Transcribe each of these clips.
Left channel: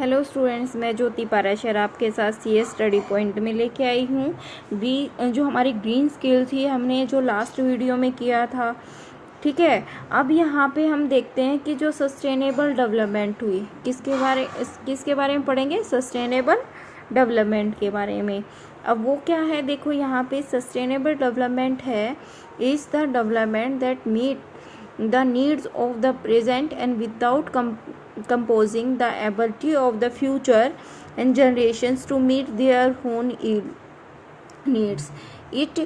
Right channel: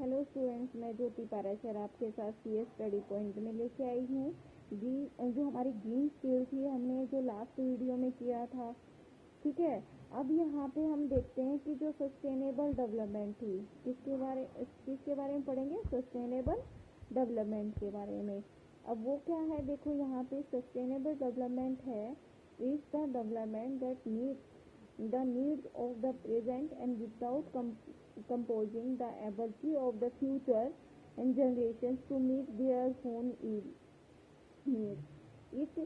Hello students, मैं ज्योति पाराशर आपके साथ सीएस स्टडी पॉइंट में लेके आई हूँ। जो हमारी ग्रीन स्किल थी हमने जो लास्ट वीडियो में किया था, ठीक है। अब यहाँ पे हम देखते हैं कि जो सस्टेनेबल डेवलपमेंट हुई किसके बारे में पढ़ेंगे, सस्टेनेबल डेवलपमेंट के बारे में। अब वो क्या है, देखो यहाँ पे सस्टेनेबल डेवलपमेंट है is the development that meet the needs of the present and without composing the ability of the future and generations to meet their own needs. It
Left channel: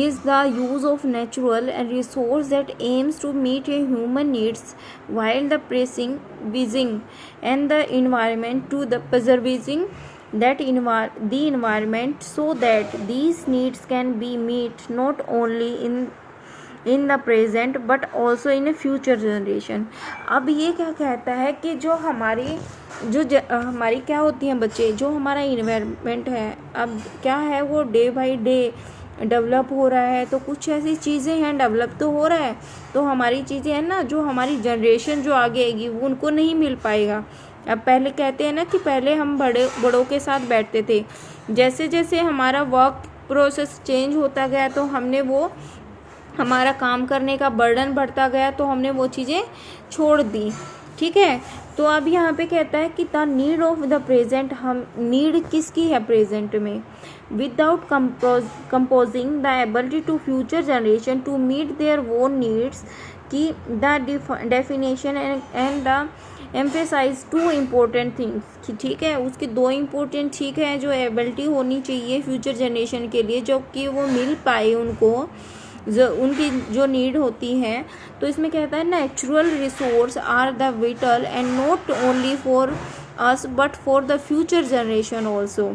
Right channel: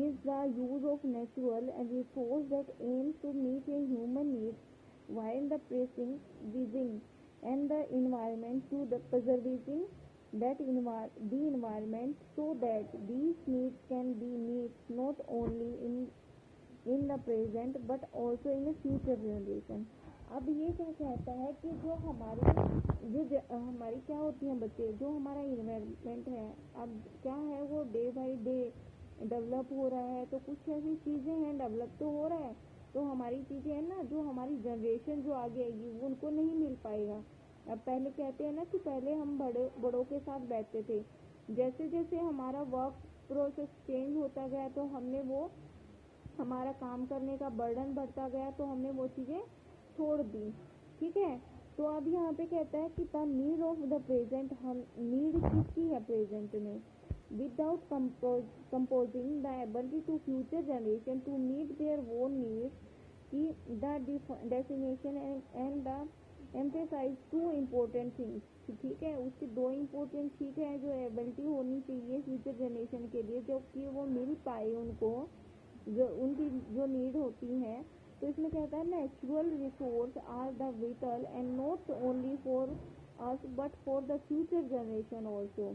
is the use of natural and resource that aims to meet a human needs while the preserving and the environment to the preserving the environment so that these needs can be met not only in the present but also in A future generation. अब ये क्या कहता है कि जो हमारी हमारी क्या होती हैं बच्चे, जो हमारा इन्वायरमेंट है अब क्या है वो डे बाय डे डेवलप हो रहा है। तो कुछ ऐसी चीज़ें हैं, डेवलप तो हो रहा है, तो हमारी चीज़ें हैं ना, जो हमारी जनरेशन जो आगे आएगी वो उनको नहीं मिल पाएगा। अब पहले कहते हैं ना कि पहले हम बड़ों के साथ बैठते थे, जैसे जैसे हमारा वर्क प्रोसेस चेंज होता गया तो हमारा काम करने का बर्डन बढ़ता गया तो हमने वो चीज़ें छोड़ दी, ठीक है। तो अब यहाँ पे कहता है कि the need of the present, हम नीड किसकी है प्रेजेंट में, without composing the ability to future generation to meet their own needs की the definition and the emphasise to important things, ठीक है। उसके दो इम्पोर्टेंट ठीक है जो एबिलिटी होनी चाहिए फ्यूचर जनरेशन के लिए, जो कि वो मिल पाए उनको उनकी जो नीड होती है। तो इसमें कहता है natural resource are the vital and not only for us but for the future generation also.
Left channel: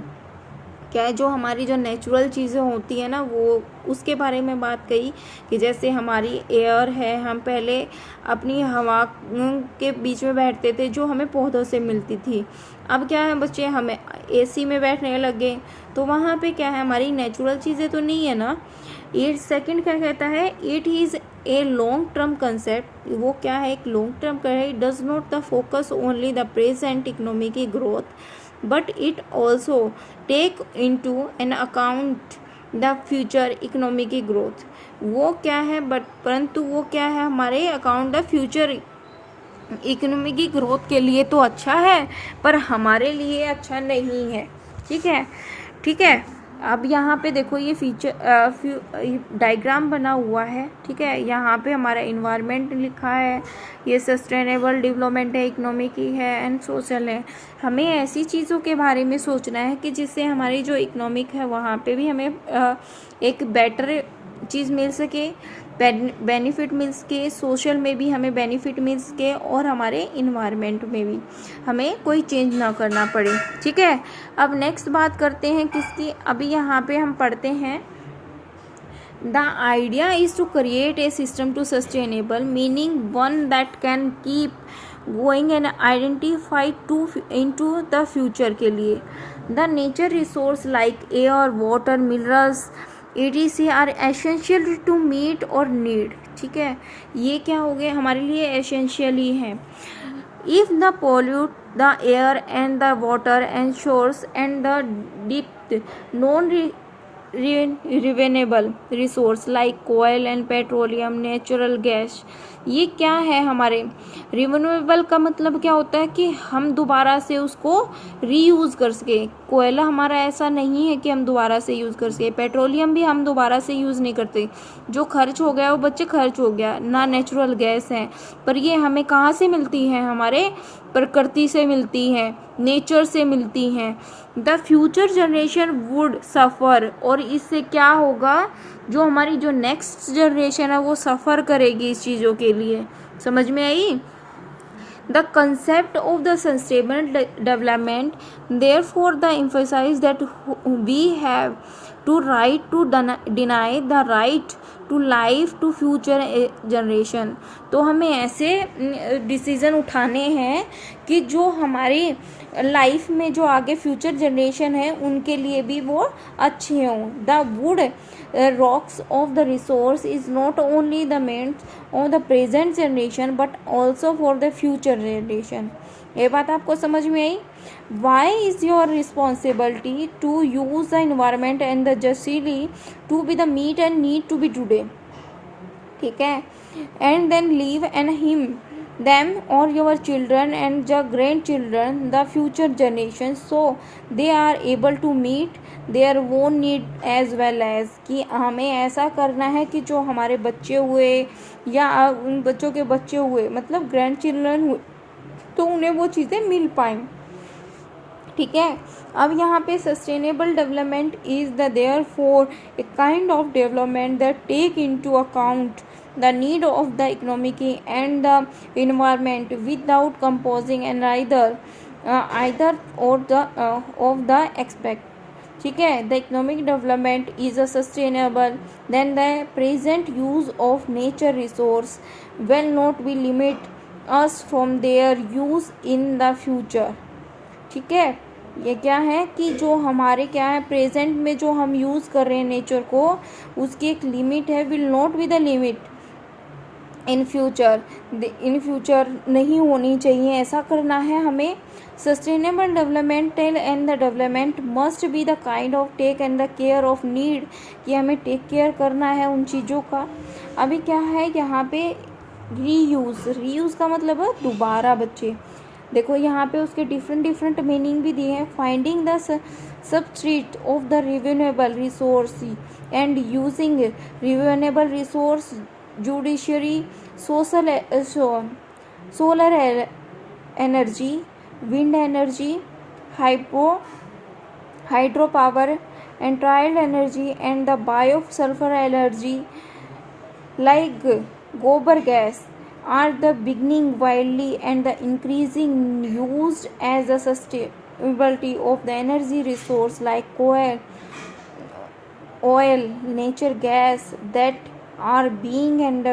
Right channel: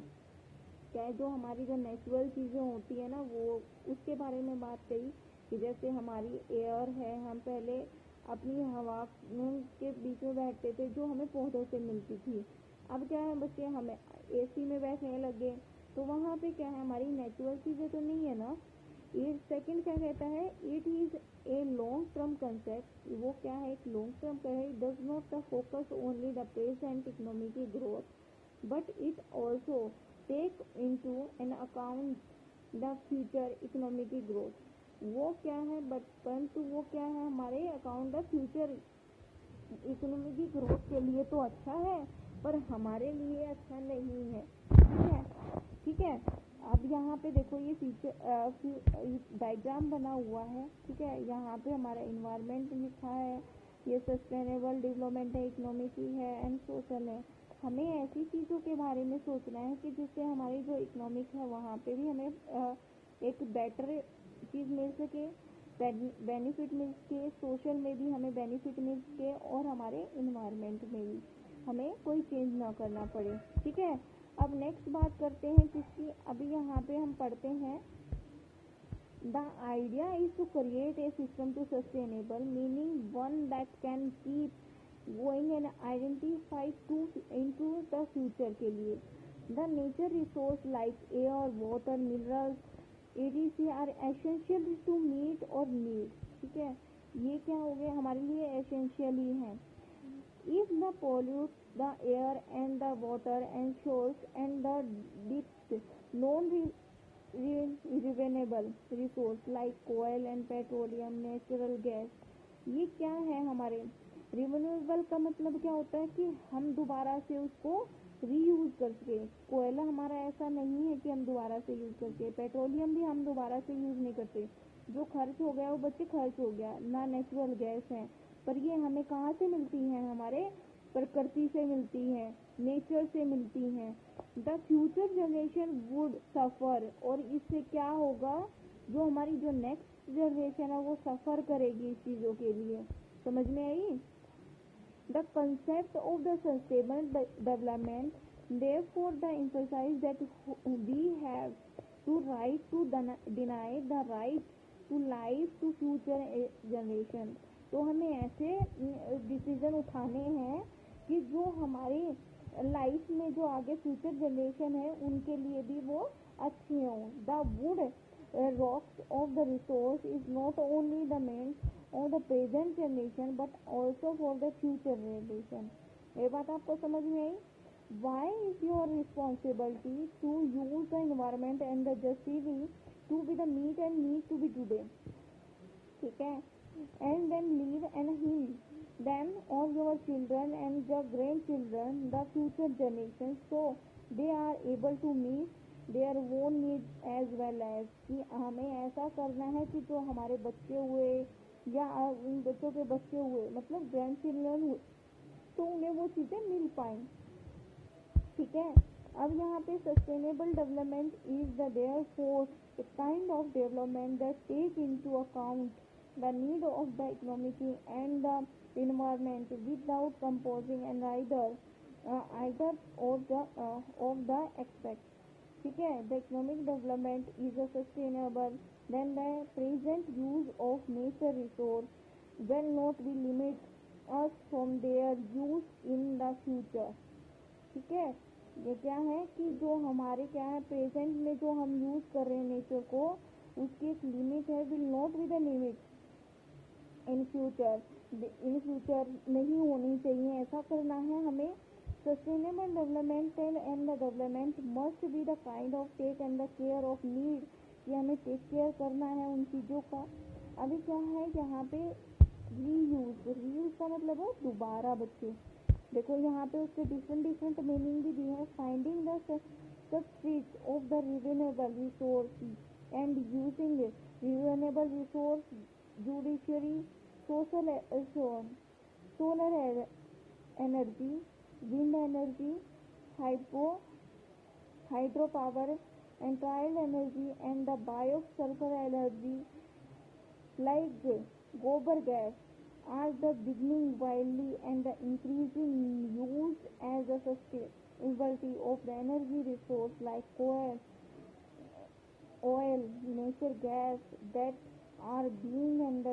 क्या है, जो हमारी जो नेचुरल चीज़ें होती है ना वो उसके बारे में बात कही कि जैसे हमारी एयर है, हम पहले अपनी हवा के बीच में बैठते थे जो हमें पौधों से मिलती थी। अब क्या है बच्चे, हमें एसी में बैठने लगे तो वहाँ पे क्या है, हमारी नेचुरल चीज़ें तो नहीं है ना। सेकंड क्या कहता है, it is a long term concept. वो क्या है, एक लॉन्ग टर्म का है। It does not the focus only the present economic growth but it also take into an account the future economic growth. वो क्या है परंतु वो क्या है, हमारे account the future economic growth के लिए तो अच्छा है पर हमारे लिए अच्छा नहीं है, ठीक है। अब यहाँ पे देखो ये डायग्राम बना हुआ है, ठीक है। यहाँ पे हमारा इन्वायरमेंट लिखा है, ये सस्टेनेबल डेवलपमेंट है, इकोनॉमिक ही है एंड सोशल है। हमें ऐसी चीज़ों के बारे में सोचना है कि जिससे हमारी जो इकोनॉमिक है वहाँ पे भी हमें एक बेटर चीज़ मिल सके, बेनिफिट मिल सके, सोशल में भी हमें बेनिफिट मिल सके और हमारे इन्वायरमेंट में भी हमें कोई चेंज ना करना पड़े, ठीक है। अब नेक्स्ट बात करते हैं किसकी, अभी यहाँ पे हम पढ़ते हैं the idea is to create a system to sustainable meaning one that can keep going and identify into the future के लिए। The nature resource like air, water, minerals ETC are essential to meet our need, ठीक है। ये क्या हो गए, हमारे लिए एसेंशियल ही है। If the pollute the air and the water and shores and the deep non renewable resource like कोयल एंड पेट्रोलियम, नेचुरल गैस, ये क्या है हमारे रिन्यूएबल का मतलब क्या होता है कि हम दोबारा से उसको रीयूज़ कर सके। कोयला हमारा ऐसा नहीं है कि हम दोबारा से यूज़ कर सके, पेट्रोलियम भी हम दोबारा से यूज़ नहीं करते, जो खर्च हो गया वो बच्चे खर्च हो गया ना। नेचुरल गैस है पर ये हमें कहाँ से मिलती है, हमारे प्रकृति से मिलती है, नेचर से मिलती हैं। द फ्यूचर जनरेशन वुड सफ़र, और इससे क्या होगा, जो हमारी जो नेक्स्ट जनरेशन है वो सफ़र करेगी इस चीज़ों के लिए। समझ में आई? The concept of the sustainable development therefore the emphasize that we have to right to deny the right to life to future generation। तो हमें ऐसे डिसीज़न उठाने हैं कि जो हमारी लाइफ में जो आगे फ्यूचर जनरेशन है उनके लिए भी वो अच्छे हों। The wood rocks of the resource is not only the means of the present generation but also for the future generation। ये बात आपको समझ में आई? Why is your responsibility to use the environment and the justly to be the meet and need to be today, ठीक है, and then leave and him them or your children and the grandchildren, the future generations, so they are able to meet their own need as well as, कि हमें ऐसा करना है कि जो हमारे बच्चे हुए या उन बच्चों के बच्चे हुए, मतलब ग्रैंड चिल्ड्रन हुए, तो उन्हें वो चीज़ें मिल पाएँ, ठीक है। अब यहाँ पे sustainable development is the therefore a kind of development that take into account the need of the economic and the environment without composing and either or the of the aspect, ठीक है। the economic development is a sustainable then the present use of nature resource will not be limit us from their use in the future, ठीक है। ये क्या है कि जो हमारे क्या है प्रेजेंट में जो हम यूज़ कर रहे हैं नेचर को, उसकी एक लिमिट है, will not be the limit in future नहीं होनी चाहिए, ऐसा करना है हमें। Sustainable development and the development must be the kind of take and the care of need, कि हमें टेक केयर करना है उन चीज़ों का। अभी क्या है यहाँ पे रीयूज़ का मतलब है दोबारा। बच्चे देखो यहाँ पे उसके डिफरेंट मीनिंग भी दिए हैं। Finding the substrate of the renewable resource and using renewable resource judiciary solar energy, wind energy, hydro power and trial energy and the bio sulphur energy like गोबर gas are the beginning widely and the increasing used as a sustainability of the energy resource like coal, oil, nature gas that are being and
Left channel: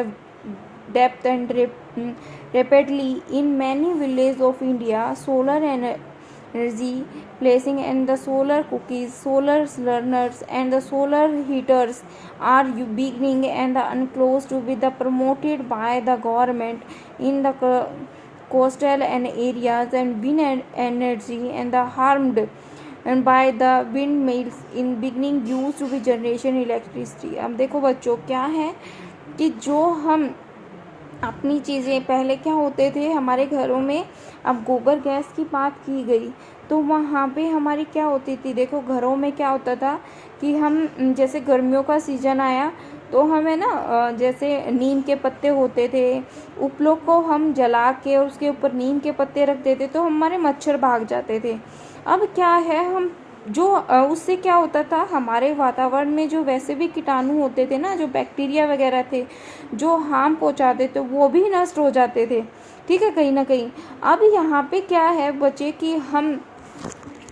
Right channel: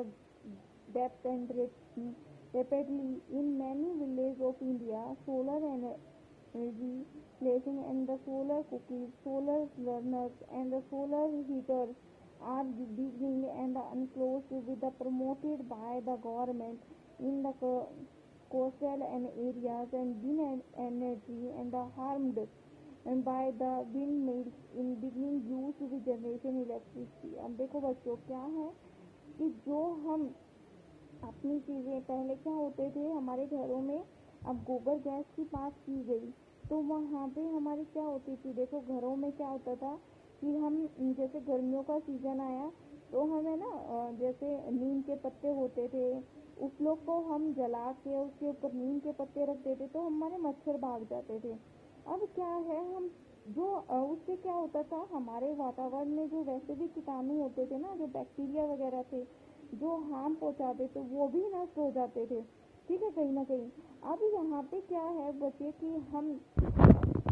depth and rapidly in many villages of India. Solar energy placing and the solar cookies, solar learners and the solar heaters are beginning and unclosed to be the promoted by the government in the coastal and areas, and wind energy and the harmed and by the windmills in beginning used to be generation electricity। अब देखो बच्चों क्या है कि जो हम अपनी चीज़ें पहले क्या होते थे हमारे घरों में, अब गोबर गैस की बात की गई तो वहाँ पे हमारी क्या होती थी, देखो घरों में क्या होता था कि हम जैसे गर्मियों का सीज़न आया तो हमें ना जैसे नीम के पत्ते होते थे, उपलों को हम जला के और उसके ऊपर नीम के पत्ते रख देते तो हमारे मच्छर भाग जाते थे। अब क्या है हम जो उससे क्या होता था हमारे वातावरण में जो वैसे भी कीटाणु होते थे ना, जो बैक्टीरिया वगैरह थे जो हार्म पहुंचाते थे, वो भी नष्ट हो जाते थे, ठीक है, कहीं ना कहीं। अब यहाँ पे क्या है बच्चे कि हम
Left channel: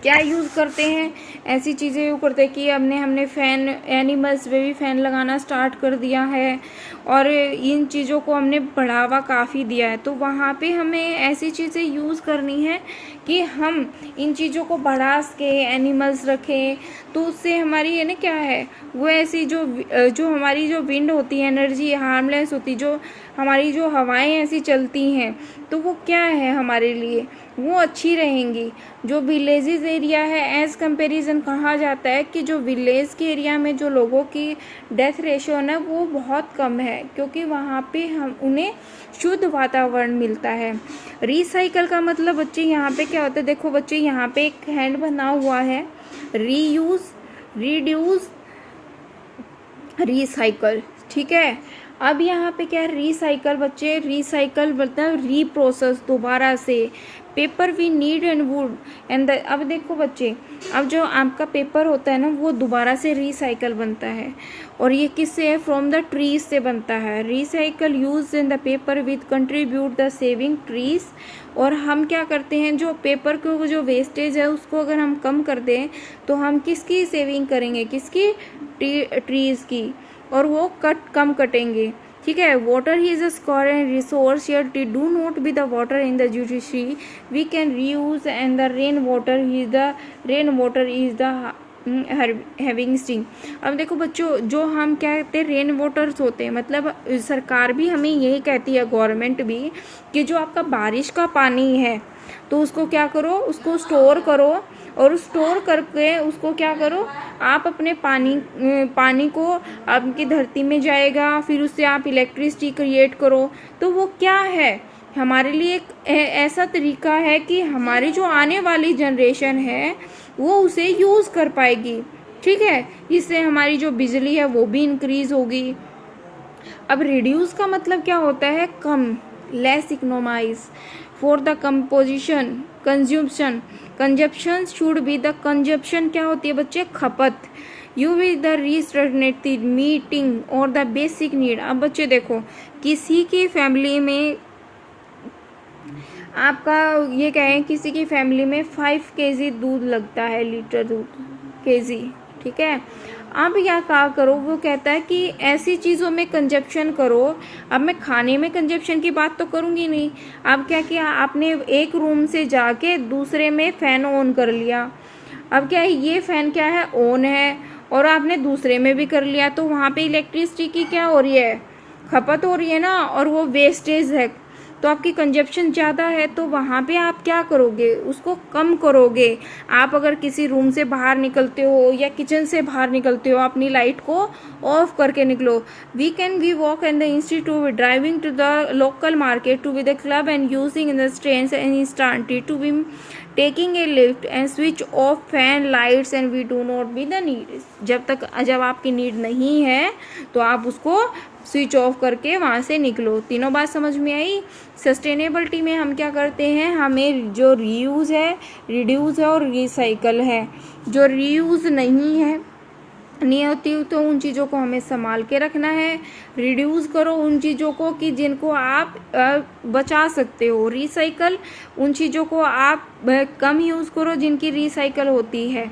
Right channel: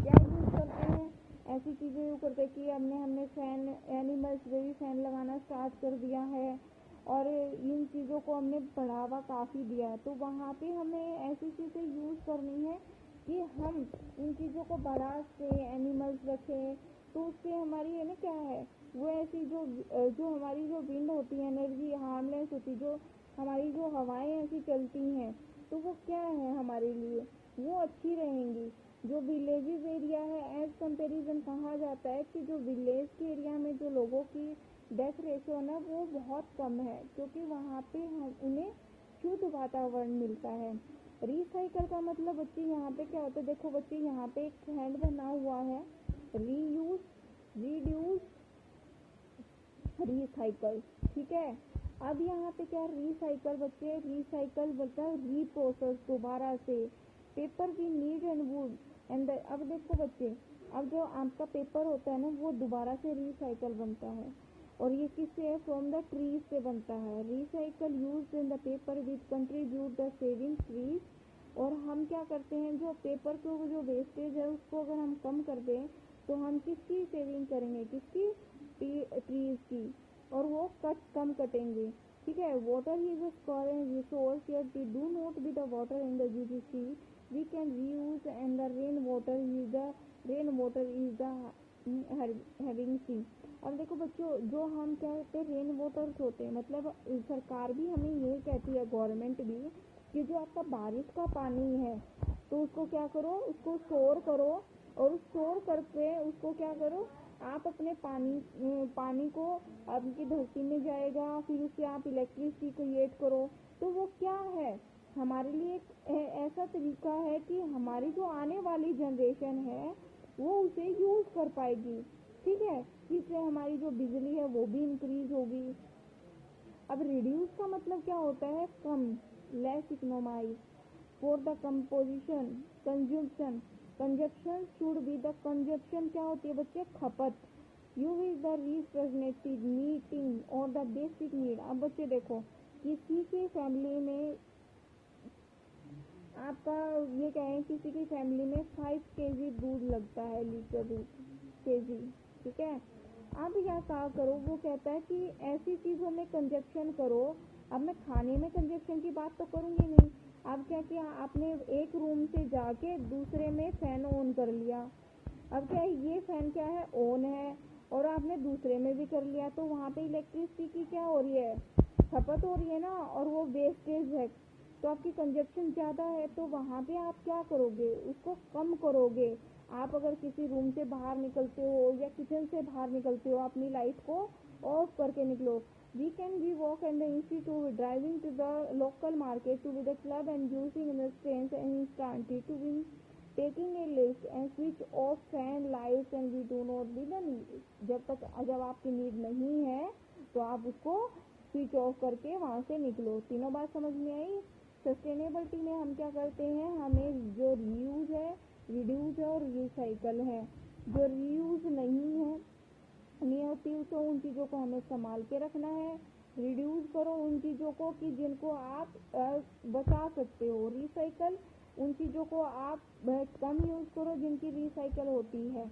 क्या यूज़ करते हैं, ऐसी चीज़ें यूज़ करते हैं कि हमने फ़ैन, एनिमल्स पे भी फ़ैन लगाना स्टार्ट कर दिया है और इन चीज़ों को हमने बढ़ावा काफ़ी दिया है। तो वहाँ पे हमें ऐसी चीज़ें यूज़ करनी है कि हम इन चीज़ों को बढ़ा के एनिमल्स रखें, तो उससे हमारी है ना क्या है वो ऐसी जो हमारी जो विंड होती है, एनर्जी हार्मलेस होती, जो हमारी जो हवाएं ऐसी चलती हैं तो वो क्या है हमारे लिए वो अच्छी रहेंगी। जो विलेजेस एरिया है एज़ कंपैरिजन कहा जाता है कि जो विलेज के एरिया में जो लोगों की डेथ रेशियो है वो बहुत कम है, क्योंकि वहाँ पे हम उन्हें शुद्ध वातावरण मिलता है। रिसाइकल का मतलब बच्चे यहाँ पे क्या होता है, देखो बच्चे यहाँ पे एक हैंड बना हुआ है, रीयूज, रिड्यूस, रिसाइकल, ठीक है। अब यहाँ पे क्या है रिसाइकल बच्चे, रिसाइकल मतलब रीप्रोसेस, दोबारा से। Paper we need and wood and अब देखो बच्चे, अब जो आपका पेपर होता है ना वो दोबारा से रिसाइकल बनता है, और ये किससे है, फ्रॉम द ट्रीज से बनता है। Recycle use in the paper with contribute the saving trees, और हम क्या करते हैं जो पेपर को जो वेस्टेज है उसको अगर हम कम कर दें तो हम किसकी सेविंग करेंगे, किसकी, ट्रीज की, और वो कम कटेंगे, ठीक है। Water is a scarce and resource your do not be the water in the judiciary we can reuse and the rain water is the having sting. अब देखो बच्चों जो हम क्या कहते हैं रेन वाटर्स होते हैं, मतलब सरकार भी हमें यही कहती है, गवर्नमेंट भी, कि जो आपका बारिश का पानी है तो उसको क्या करो, उसको स्टोर करो, और स्टोर करके उसको क्या करो, आप अपने पानी को आपकी धरती में जाएगा, फिर उससे आप इलेक्ट्रिसिटी क्रिएट करो। तो वो क्या है, हमारे लिए एक ऐसा तरीका है कि हमारी जो आने वाली जनरेशन है वो उसे यूज़ कर पाएगी। ठीक है, इससे हमारी जो बिजली है वो भी इंक्रीज होगी। अब रिड्यूस का मतलब क्या होता है, कम, less economise for the composition consumption. Consumption should be the consumption क्या होती है बच्चे, खपत। You with the restricted meeting और द बेसिक नीड। अब बच्चे देखो, किसी की फैमिली में आपका ये कहें, किसी की फैमिली में 5 kg दूध लगता है, लीटर दूध, kg, ठीक है। अब क्या करो, वो कहता है कि ऐसी चीज़ों में कंजप्शन करो। अब मैं खाने में कंजप्शन की बात तो करूँगी नहीं। अब क्या किया आपने, एक रूम से जाके दूसरे में फ़ैन ऑन कर लिया। अब क्या है, ये फ़ैन क्या है, ऑन है, और आपने दूसरे में भी कर लिया, तो वहाँ पे इलेक्ट्रिसिटी की क्या हो रही है, खपत हो रही है ना, और वो वेस्टेज है। तो आपकी कंजप्शन ज़्यादा है, तो वहाँ पे आप क्या करोगे, उसको कम करोगे। आप अगर किसी रूम से बाहर निकलते हो या किचन से बाहर निकलते हो, अपनी लाइट को ऑफ करके निकलो। We walk in the institute, driving to the local market, to be the club and using in the trains and instantly to be taking a lift and switch off fan lights and we do not be the need. जब आपकी need नहीं है तो आप उसको switch off करके वहाँ से निकलो। तीनों बात समझ में आई। सस्टेनेबिलिटी में हम क्या करते हैं, हमें जो रीयूज़ है, रिड्यूस है और रिसाइकल है। जो रीयूज़ नहीं होती तो उन चीज़ों को हमें संभाल के रखना है। रिड्यूस करो उन चीज़ों को कि जिनको आप बचा सकते हो। रिसाइकल उन चीज़ों को आप कम यूज़ करो जिनकी रिसाइकल होती है।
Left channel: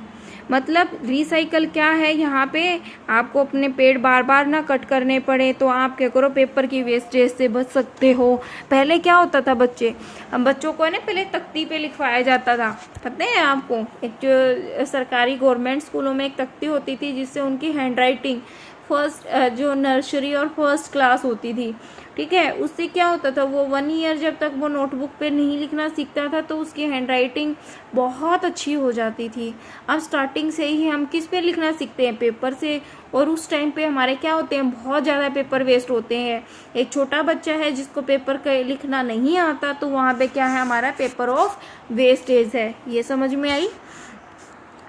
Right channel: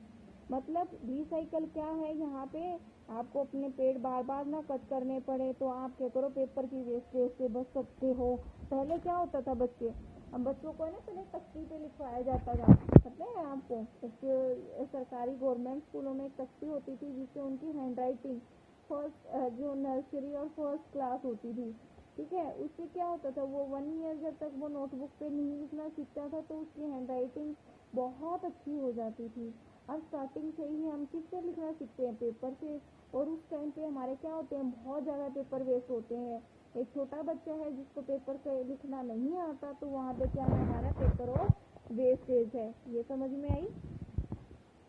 मतलब रिसाइकल क्या है, यहाँ पे आपको अपने पेड़ बार बार ना कट करने पड़े, तो आप क्या करो, पेपर की वेस्टेज से बच सकते हो। पहले क्या होता था बच्चों को ना पहले तख्ती पे लिखवाया जाता था, पता है आपको। एक जो सरकारी गवर्नमेंट स्कूलों में एक तख्ती होती थी जिससे उनकी हैंड राइटिंग फर्स्ट जो नर्सरी और फर्स्ट क्लास होती थी, ठीक है, उससे क्या होता था, वो 1 ईयर जब तक वो नोटबुक पे नहीं लिखना सीखता था तो उसकी हैंड राइटिंग बहुत अच्छी हो जाती थी। अब स्टार्टिंग से ही हम किस पे लिखना सीखते हैं, पेपर से। और उस टाइम पे हमारे क्या होते हैं, बहुत ज़्यादा पेपर वेस्ट होते हैं। एक छोटा बच्चा है जिसको पेपर लिखना नहीं आता, तो वहाँ पे क्या है, हमारा पेपर ऑफ वेस्टेज है। ये समझ में आई।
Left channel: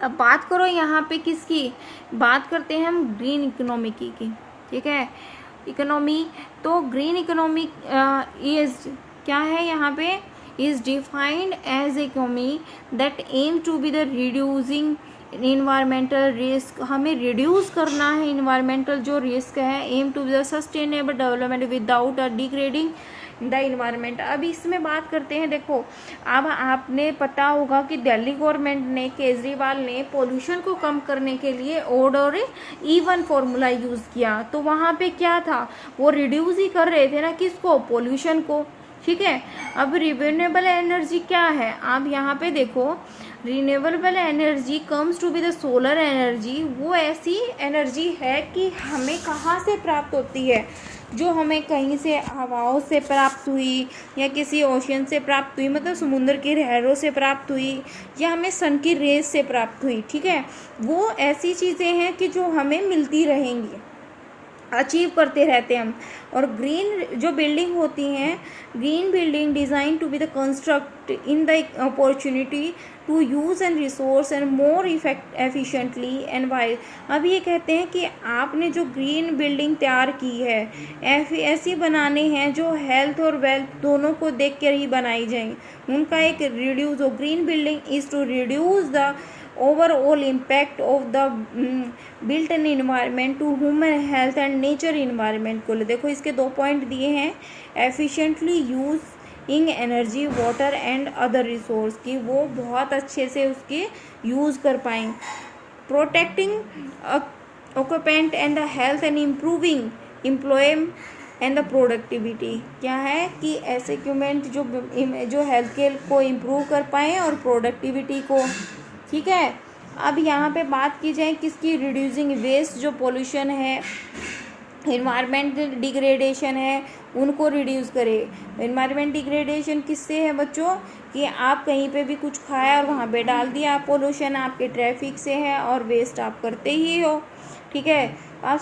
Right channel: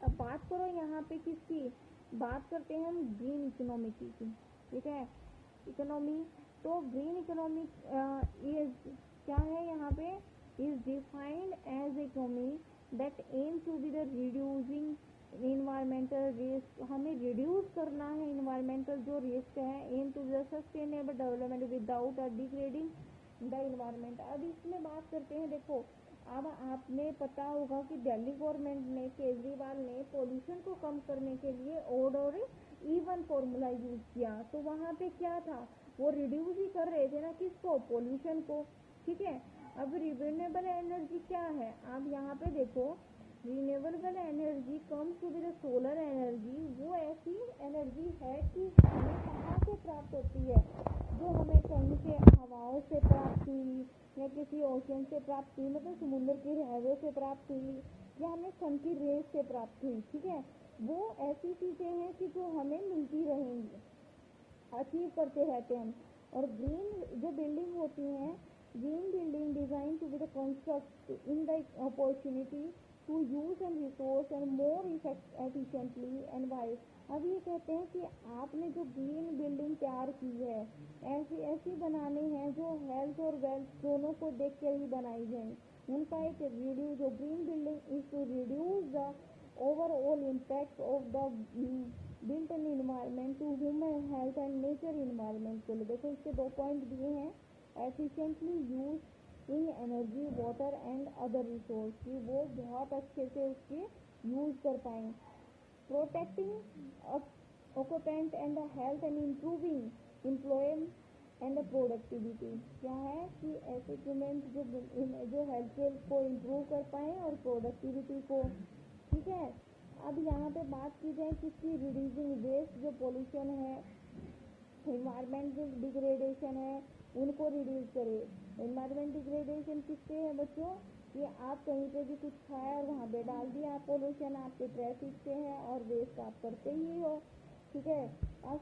अब बात करो यहाँ पे किसकी, बात करते हैं हम ग्रीन इकोनॉमी की, ठीक है। इकोनॉमी, तो ग्रीन इकोनॉमी इज क्या है यहाँ पे, is defined as economy that aim to be the reducing environmental risk. हमें रिड्यूस करना है इन्वायरमेंटल जो रिस्क है, aim to be the sustainable development without a degrading the environment. अब इसमें बात करते हैं, देखो अब आपने पता होगा कि दिल्ली गवर्नमेंट ने, केजरीवाल ने पोल्यूशन को कम करने के लिए ओड और इवन फॉर्मूला यूज़ किया। तो वहाँ पे क्या था, वो रिड्यूस ही कर रहे थे ना, किसको, पोल्यूशन को, ठीक है। अब रिन्यूएबल एनर्जी क्या है, आप यहाँ पे देखो, renewable energy comes to be the solar energy. वो ऐसी एनर्जी है कि हमें कहाँ से प्राप्त होती है, जो हमें कहीं से हवाओं से प्राप्त हुई या किसी ओशियन से प्राप्त हुई, मतलब समुद्र की लहरों से प्राप्त हुई, या हमें सन की रेस से प्राप्त हुई, ठीक है। वो ऐसी चीज़ें हैं कि जो हमें मिलती रहेंगी, अचीव करते रहते हैं हम। और ग्रीन जो बिल्डिंग होती हैं, green building design to be the construct in the opportunity to use and resource and more efficiently and wise. अब ये कहते हैं कि आपने जो ग्रीन बिल्डिंग तैयार की है, ऐसी बनाने हैं जो हेल्थ और वेल्थ दोनों को देख कर ही बनाई जाएंगी। उनका एक रिड्यूस हो, green building is to reduce the overall impact of the built in environment to human health and nature environment को। देखो इसके 2 पॉइंट दिए हैं, efficiently using energy, water and other resource, की वो बहुत अच्छे से उसके यूज़ कर पाएँ। protecting occupant and the health and improving employment and the productivity. क्या है कि ऐसे इक्विपमेंट जो हेल्थ केयर को इम्प्रूव कर पाएँ और प्रोडक्टिविटी को, ठीक है। अब यहाँ पे बात की जाए किसकी, रिड्यूसिंग वेस्ट, जो पोल्यूशन है इन्वायरमेंट डिग्रेडेशन है उनको रिड्यूस करें। इन्वायरमेंट डिग्रेडेशन किससे है बच्चों, कि आप कहीं पे भी कुछ खाया और वहाँ पे डाल दिया, पोल्यूशन आपके ट्रैफिक से है और वेस्ट आप करते ही हो, ठीक है। आप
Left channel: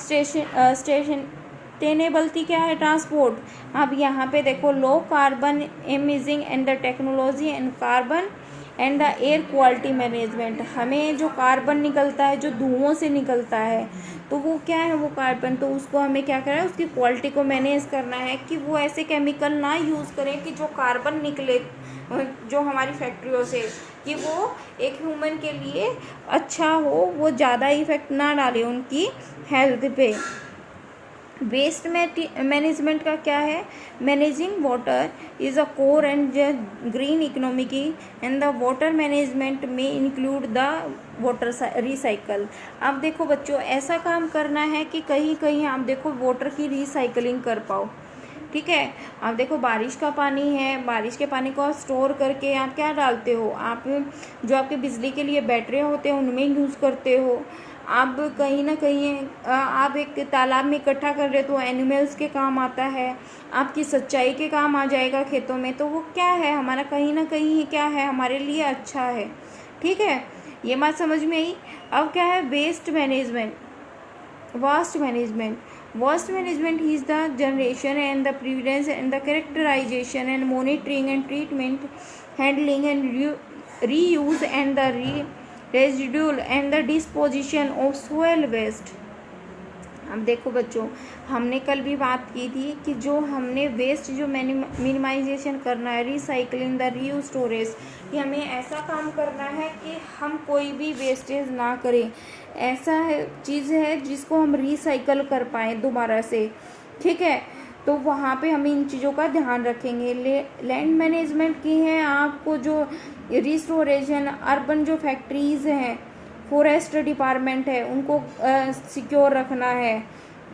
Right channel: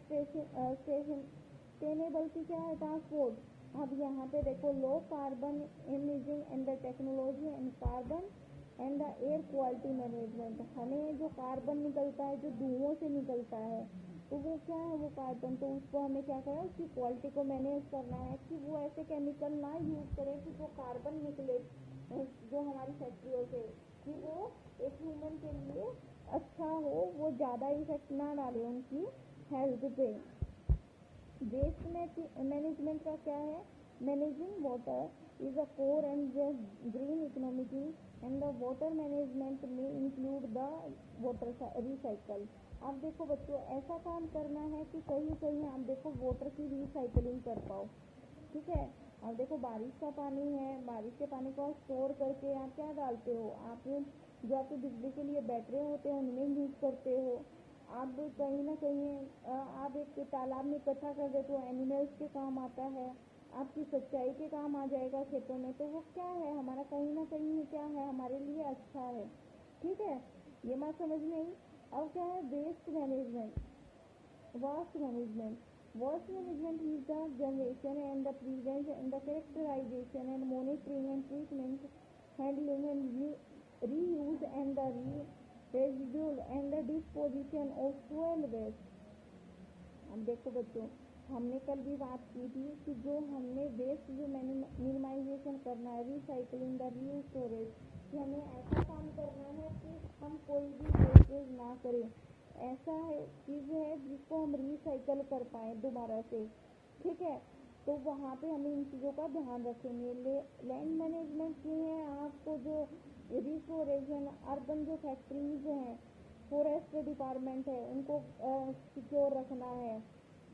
सस्टेनेबलिटी क्या है, ट्रांसपोर्ट। अब यहाँ पे देखो लो carbon emitting and the technology and carbon and the air quality management. हमें जो कार्बन निकलता है, जो धुओं से निकलता है, तो वो क्या है, वो कार्बन, तो उसको हमें क्या करना है, उसकी क्वालिटी को मैनेज करना है कि वो ऐसे केमिकल ना यूज़ करें कि जो कार्बन निकले जो हमारी फैक्ट्रियों से, कि वो एक ह्यूमन के लिए अच्छा हो, वो ज़्यादा इफेक्ट ना डाले उनकी हेल्थ पे। वेस्ट मैनेजमेंट का क्या है, managing water is a core and green economy की, एंड द वाटर मैनेजमेंट में इंक्लूड द वाटर रिसाइकल। अब देखो बच्चों, ऐसा काम करना है कि कहीं कहीं आप देखो वाटर की रिसाइकलिंग कर पाओ, ठीक है। आप देखो बारिश का पानी है, बारिश के पानी को आप स्टोर करके आप क्या डालते हो, आप जो आपके बिजली के लिए बैटरी होते हैं उनमें यूज़ करते हो। आप कहीं ना कहीं आप एक तालाब में इकट्ठा कर रहे तो एनिमल्स के काम आता है, आपकी सच्चाई के काम आ जाएगा खेतों में, तो वो क्या है, हमारा कहीं ना कहीं क्या है, हमारे लिए अच्छा है, ठीक है। ये बात समझ में आई। अब क्या है, waste management, waste management is the generation and the prevalence and the characterization and monitoring and treatment, handling and reuse and the residual and the disposition of soil waste। अब देखो बच्चों, हमने कल भी बात की थी कि जो हमने वेस्ट जो मिनिमाइजेशन करना है, रिसाइकलिंग द रीयूज स्टोरेज, कि हमें ऐसा काम करना है कि हम कोई भी वेस्टेज ना करें, ऐसा है चीज़ है जिसको हम रिसाइकल कर पाएँ दोबारा से, ठीक है। तो वहाँ पे हम इन चीज़ों का ध्यान रखेंगे। लैंड मैनेजमेंट की है आपको जो रिस्टोरेशन, अर्बन जो फैक्ट्रीज़ हैं, फॉरेस्ट डिपार्टमेंट है उनको सिक्योर रखना है,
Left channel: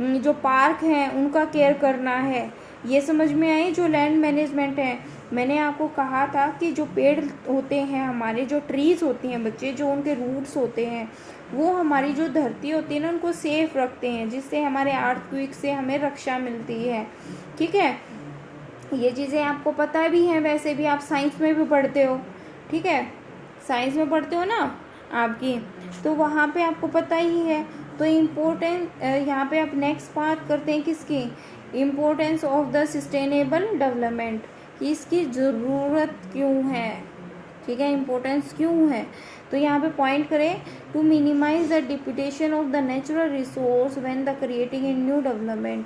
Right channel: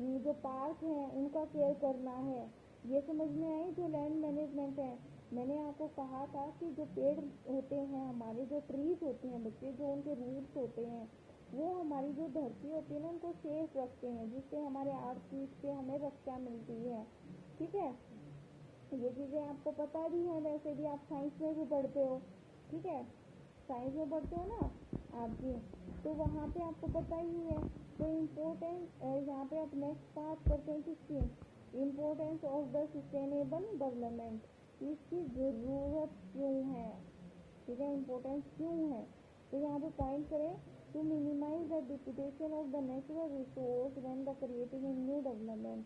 जो पार्क हैं उनका केयर करना है। ये समझ में आई जो लैंड मैनेजमेंट है। मैंने आपको कहा था कि जो पेड़ होते हैं हमारे, जो ट्रीज़ होती हैं बच्चे, जो उनके रूट्स होते हैं वो हमारी जो धरती होती है ना उनको सेफ रखते हैं, जिससे हमारे अर्थक्वेक से हमें रक्षा मिलती है, ठीक है। ये चीज़ें आपको पता भी हैं, वैसे भी आप साइंस में भी पढ़ते हो, ठीक है, साइंस में पढ़ते हो ना आपकी, तो वहाँ पे आपको पता ही है। तो इम्पोर्टेंट यहाँ पे आप नेक्स्ट बात करते हैं किसकी, importance of the sustainable development, कि इसकी ज़रूरत क्यों है, ठीक है, इम्पोर्टेंस क्यों है। तो यहाँ पे पॉइंट करें, to minimise the deputation of the natural resource when the creating a new development,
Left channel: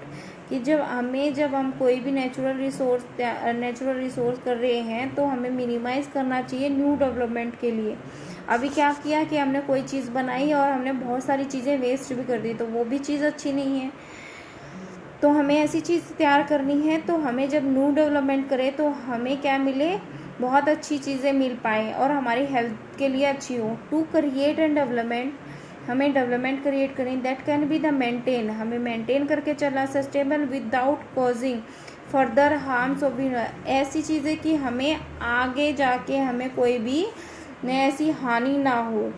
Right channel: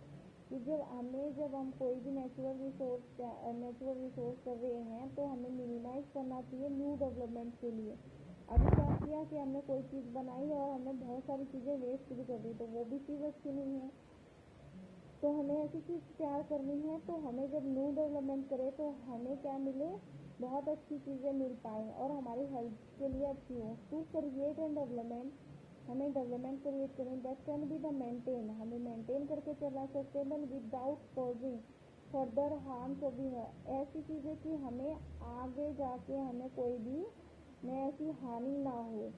कि जब हम कोई भी नेचुरल रिसोर्स कर रहे हैं तो हमें मिनिमाइज़ करना चाहिए न्यू डेवलपमेंट के लिए। अभी क्या किया कि हमने कोई चीज़ बनाई और हमने बहुत सारी चीज़ें वेस्ट भी कर दी, तो वो भी चीज़ अच्छी नहीं है। तो हमें ऐसी चीज़ तैयार करनी है, तो हमें जब न्यू डेवलपमेंट करें तो हमें क्या मिले, बहुत अच्छी चीज़ें मिल पाएँ और हमारी हेल्थ के लिए अच्छी हो। टू क्रिएट एंड डेवलपमेंट, हमें डेवलपमेंट क्रिएट करें, that can be the maintain, हमें मेंटेन करके चलना, sustainable without causing further harms of, ऐसी चीज़ें कि हमें आगे जाके हमें कोई भी ऐसी हानि ना हो।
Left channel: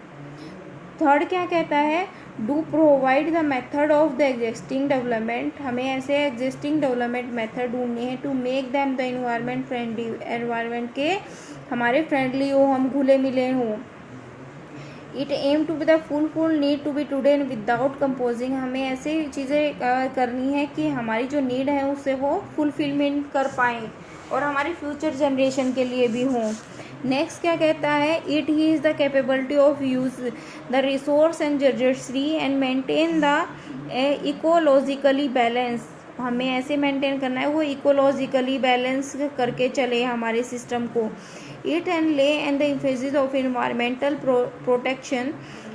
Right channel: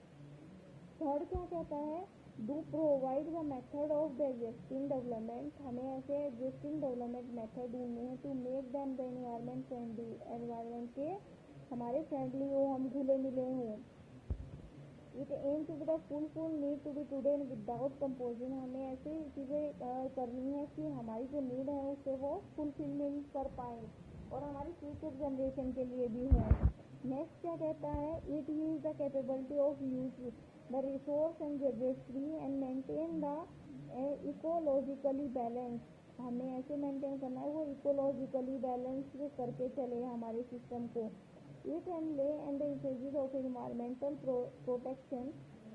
थर्ड क्या कहता है, do provide the method of the existing development, हमें ऐसे एग्जिस्टिंग डेवलपमेंट मेथड ढूंढने हैं to make them the environment friendly, environment के हमारे फ्रेंडली हो, हम घुले मिले हों। It aim to be the full need to be today without composing, हमें ऐसे चीज़ें करनी है कि हमारी जो नीड है उससे वो फुलफिलमेंट कर पाएँ और हमारी फ्यूचर जनरेशन के लिए भी हों। नेक्स्ट क्या कहता है, it he is the capability of use the resource and energy and maintain the ecologically balance, हमें ऐसे मेंटेन करना है वो इकोलॉजिकली बैलेंस करके चले हमारे सिस्टम को। It and lay and the emphasis of environmental protection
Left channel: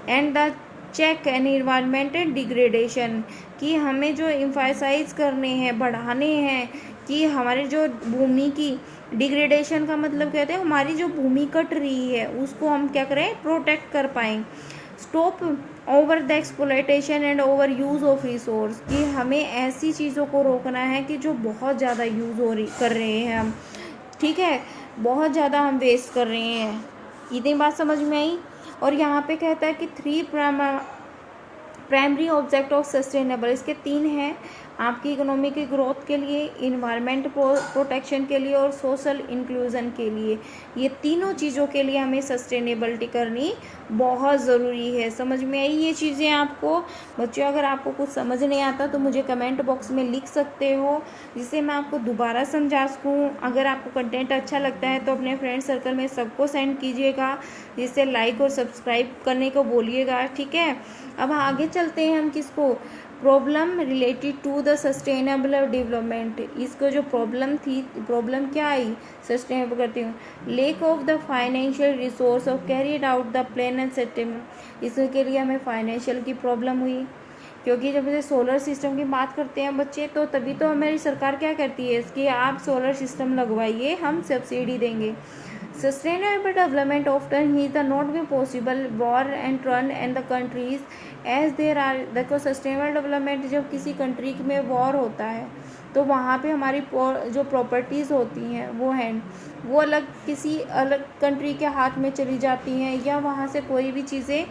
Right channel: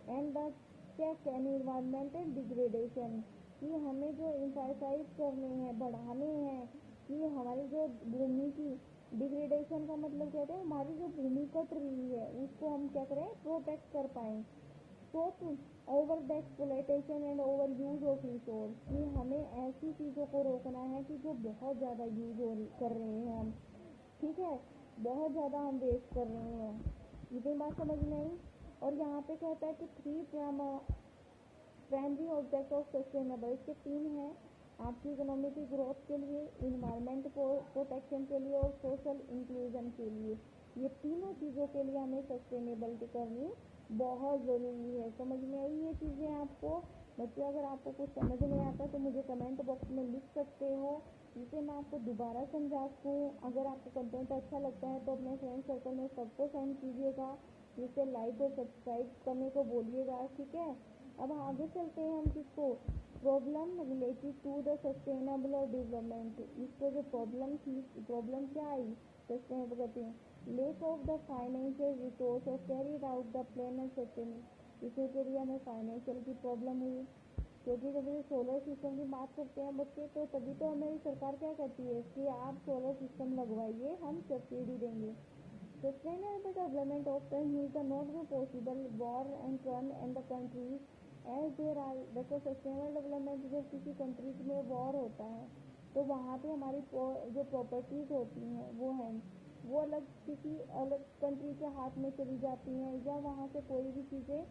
and the check and environmental degradation, कि हमें जो एम्फासाइज करने हैं, बढ़ाने हैं कि हमारे जो भूमि की डिग्रेडेशन का मतलब कहते हैं हमारी जो भूमि कट रही है उसको हम क्या करें, प्रोटेक्ट कर पाएँ। Stop over the exploitation and over use of resource, कि हमें ऐसी चीज़ों को रोकना है कि जो बहुत ज़्यादा यूज़ कर रहे हैं हम, ठीक है, बहुत ज़्यादा हम वेस्ट कर रहे हैं। इतनी बात समझ में आई। और यहाँ पे कहता है कि 3 प्राइमरी ऑब्जेक्ट ऑफ सस्टेनेबल, इसके 3 हैं। आपकी इकोनॉमी की ग्रोथ के लिए, इन्वायरमेंट प्रोटेक्शन के लिए और सोशल इंक्लूजन के लिए। ये तीनों चीज़ों के लिए हमें सस्टेनेबिलिटी करनी बहुत ज़रूरी है। समझ में आई ये चीज़ें आपको? बच्चों, अगर आपको कुछ समझ नहीं आता तो मुझे कमेंट बॉक्स में लिख सकते हो, जिससे मैं आपको दोबारा समझा सकूँ। अगर आपको कंटेंट अच्छा लगता है तो अपने फ्रेंड सर्कल में सबको सेंड कीजिएगा, जिससे लाइक और सब्सक्राइब करने को बोलिएगा, ठीक है। अब आगे चलते हैं हम किसको, problem related to the sustainable development. इसको जो प्रॉब्लम थी, प्रॉब्लम क्या आई, सस्टेनेबल करती हूँ, lake of the financial resource of carried out the plan and sustainable. इसके लिए हमें फाइनेंशियल की प्रॉब्लम हुई, क्योंकि जब से सोलर सिस्टम की बात करते हैं बच्चे, तो तभी तो हमारी सरकार क्या करती है कि आप सोलर सिस्टम लगवाइए, हम सब्सिडी देंगे। Sustainable development often is the not be possible war and run and the countries as there are। देखो, सस्टेनेबल डेवलपमेंट जब किसी कंट्री में वॉर होता है तो वहाँ पे हमारी जो प्रॉपर्टीज़ होती हैं वो अलग किसी अलग कंट्री के हाथ में चली जाती हैं, या वहाँ से कोई भी चीज़ें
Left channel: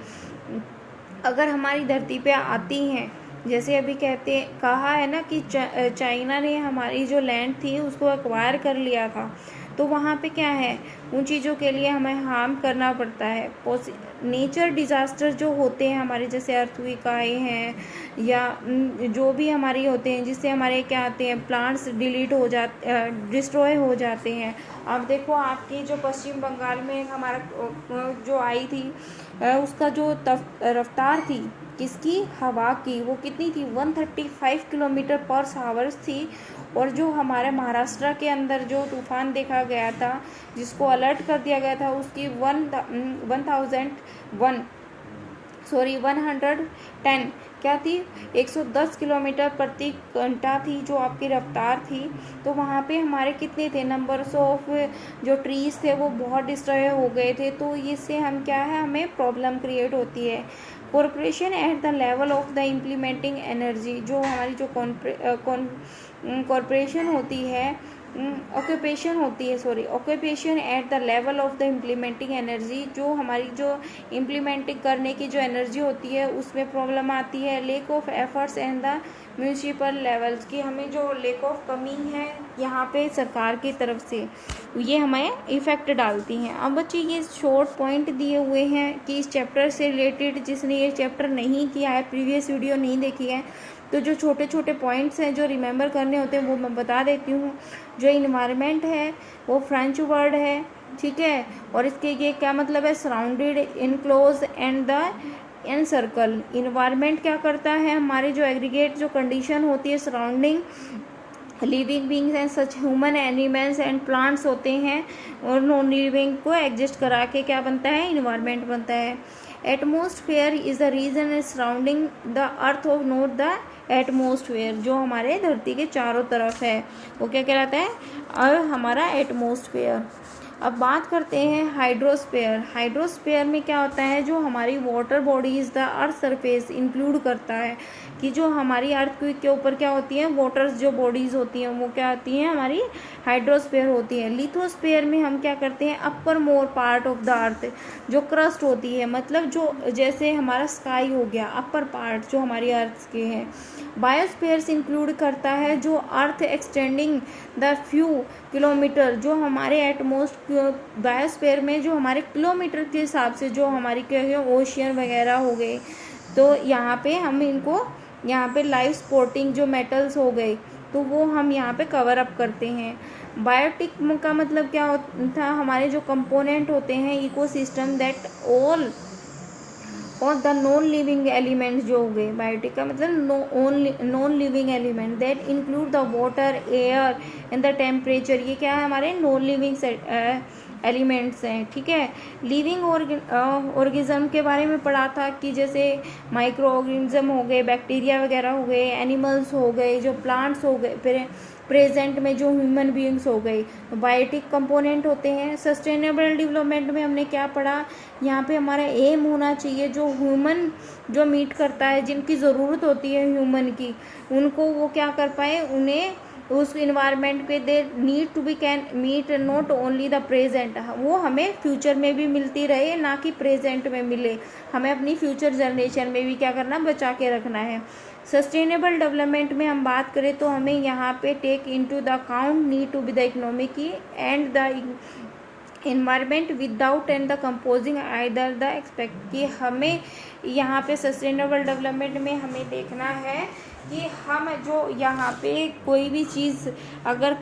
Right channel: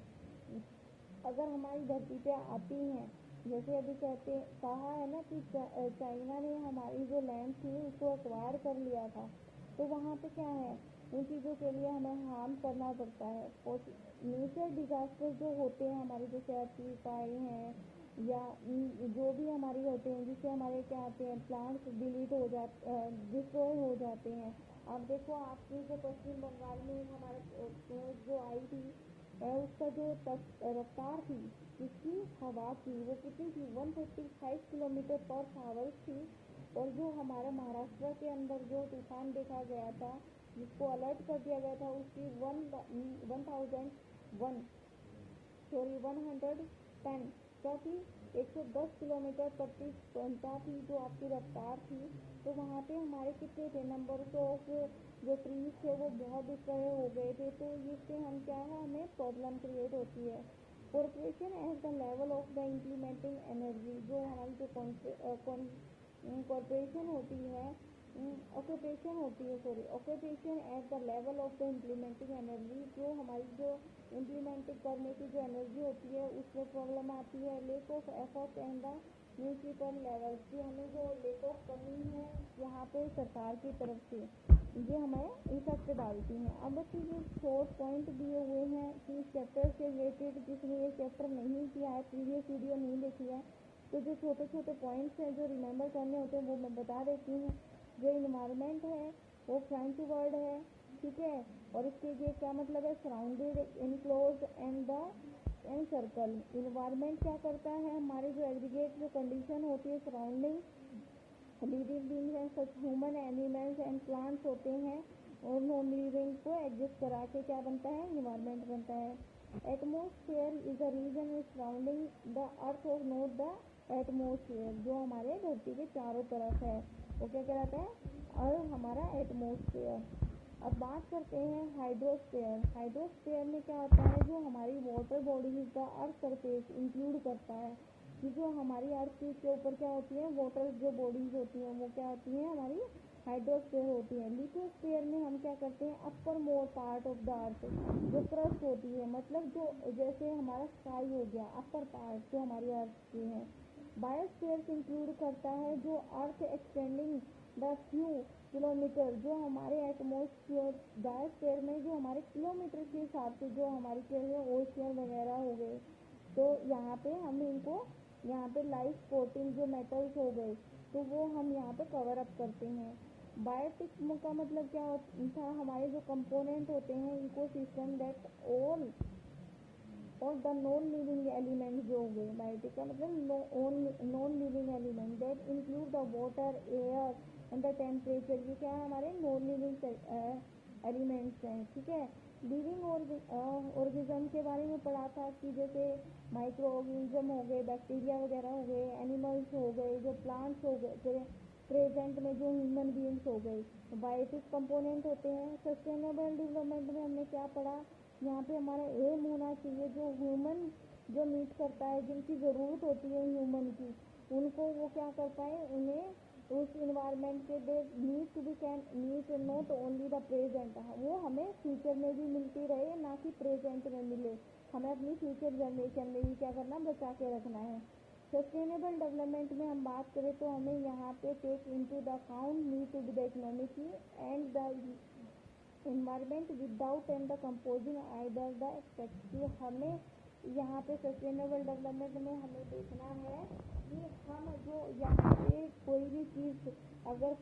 अगर हमारी धरती पे आती हैं, जैसे अभी कहा है ना कि चाइना ने हमारी जो लैंड थी उसको एक्वायर कर लिया था, तो वहाँ पे क्या है, उन चीज़ों के लिए हमें हार्म करना पड़ता है। नेचर डिज़ास्टर जो होते हैं हमारे, जैसे अर्थक्वेक आए हैं या जो भी हमारी होते हैं, जिससे हमारे क्या आते हैं, प्लांट्स डिस्ट्रॉय हो जाते हैं। अब देखो, आपकी जो पश्चिम बंगाल में हमारा जो आई थी, उसका जो रफ्तार थी किसकी, हवा की, वो कितनी थी, 135 किलोमीटर पर आवर्स थी। और जो हमारे महाराष्ट्र के अंदर जो तूफान देखा गया था, जिसको अलर्ट कर दिया गया था, उसकी 110 क्या थी, 110 किलोमीटर प्रति घंटा थी जो आपकी रफ्तार थी। तो वहाँ पे हमारे कितने थे, नंबर्स ऑफ जो ट्रीज थे वो बहुत डिस्ट्रॉय हो गए थे। तो इससे हम क्या है, हमें प्रॉब्लम क्रिएट होती है। Corporation at the level of the implementing energy, जो हमारी जो कॉरपोरेशन होती है, occupation at the level of the implementing energy, जो हमारी जो इम्प्लीमेंटिंग करने की जो एनर्जी होती है उसमें प्रॉब्लम आती है। Lake of efforts and the municipal levels की, हमें जो लेक ऑफ कमी है यहाँ पे सरकार की तरफ से, ये हमें इफ़ेक्ट डालती हैं। अब बच्चे, ये शॉर्ट पॉइंट दिए हुए हैं कि इस चैप्टर से रिलेटेड जिसने ये चैप्टर नहीं किया है, प्रीवियस वीडियो नहीं देखी है, तो जो छोटे छोटे पॉइंट्स हैं जो रिमेंबर करने होते हैं वो मैं बता देती हूँ। जो इन्वायरमेंट है वो फ्रेंच वर्ड है, ठीक है, और इसके ये क्या मतलब है, surrounded, enclose and the an circle. Environment क्या करता है, हमारे जो एग्रीगेट जो कंडीशन होती है surrounding living beings and such human animals and plants होते हैं, और नॉन लिविंग को एडजस्ट करा के क्या बनता है, इन्वायरमेंट बनता है। Atmosphere is the region surrounding the earth of not the atmosphere, जो हमारे धरती के चारों तरफ है वो क्या कहलाता है, और हमारा एटमॉस्फेयर। अब बात करते हैं हाइड्रोस्फेयर। हाइड्रोस्फेयर में क्या होता है, जो हमारी water bodies the earth surface include करता है, कि जो हमारी अर्थ के ऊपर क्या होती है, वाटर्स जो बॉडीज होती हैं वो क्या होती हैं, हमारी हाइड्रोस्फेयर होती है। लिथोस्फेयर में हम क्या करते हैं, upper more part of the earth, जो क्रस्ट होती है, मतलब जो जैसे हमारा स्काई हो गया, अपर पार्ट जो हमारी अर्थ के हैं। बायोस्फीयर इंक्लूड करता है जो अर्थ एक्सटेंडिंग द फ्यू किलोमीटर, जो हमारे बायोस्फीयर में जो हमारे किलोमीटर के हिसाब से जो हमारी क्या है, ओशियन वगैरह हो गए, तो यहाँ पे हम इनको, यहाँ पे लाइफ सपोर्टिंग जो मेटल्स हो गए, तो वो हम यहाँ पे कवर अप करते हैं। बायोटिक का मतलब क्या होता है, हमारे जो कंपोनेंट होते हैं इकोसिस्टम दैट ऑल और द नॉन लिविंग एलिमेंट्स जो हो गए। बायोटिक का मतलब non living element that include the water, air and the temperature, ये क्या है, हमारे नॉन लिविंग एलिमेंट्स हैं, ठीक है। लिविंग ऑर्गेनिज्म के बारे में पढ़ा था कि जैसे माइक्रो ऑर्गेनिज्म हो गए, बैक्टीरिया वगैरह हो गए, एनिमल्स हो गए, जो प्लांट्स हो गए, फिर प्रेजेंट में जो ह्यूमन बीइंग्स हो गई, तो बायोटिक कंपोनेंट होते हैं। सस्टेनेबल डेवलपमेंट में हमने क्या पढ़ा, यहाँ पे हमारा एम होना चाहिए जो ह्यूमन जो मीट करता है, जिनकी ज़रूरत होती है ह्यूमन की, उनको वो क्या कर पाए, उन्हें उस इन्वायरमेंट पे they need to be can meet not only the present, वो हमें फ्यूचर में भी मिलती रहे, ना कि प्रेजेंट में मिले। हमें अपनी फ्यूचर जनरेशन में भी क्या करना, बचा के रखना है। सस्टेनेबल डेवलपमेंट में हम बात करें तो हमें यहाँ पे take into the account need to be the economic and the environment without and the composing either the expect, कि हमें यहाँ पे सस्टेनेबल डेवलपमेंट में हमें देखना है कि हम जो यहाँ पे कोई भी चीज़ अगर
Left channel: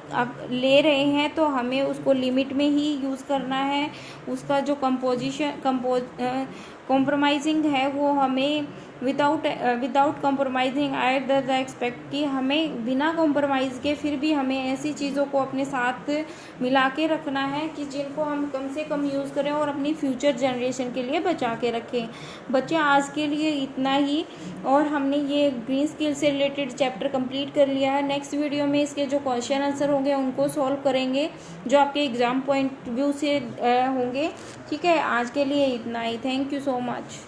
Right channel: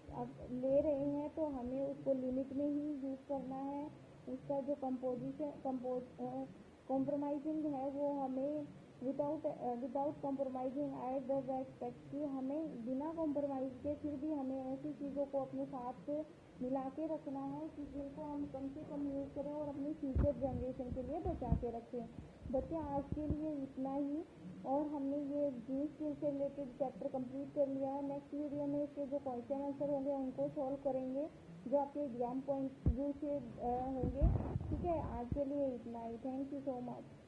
ले रहे हैं तो हमें उसको लिमिट में ही यूज़ करना है। उसका जो कॉम्प्रोमाइजिंग है वो हमें without compromising at the expect, कि हमें बिना कॉम्प्रोमाइज़ के फिर भी हमें ऐसी चीज़ों को अपने साथ मिला के रखना है कि जिनको हम कम से कम यूज़ करें और अपनी फ्यूचर जनरेशन के लिए बचा के रखें। बच्चे आज के लिए इतना ही, और हमने ये ग्रीन स्किल से रिलेटेड चैप्टर कंप्लीट कर लिया है। नेक्स्ट वीडियो में इसके जो क्वेश्चन आंसर होंगे उनको सॉल्व करेंगे, जो आपके एग्ज़ाम पॉइंट व्यू से होंगे। ठीक है, आज के लिए इतना ही। Thank you so much.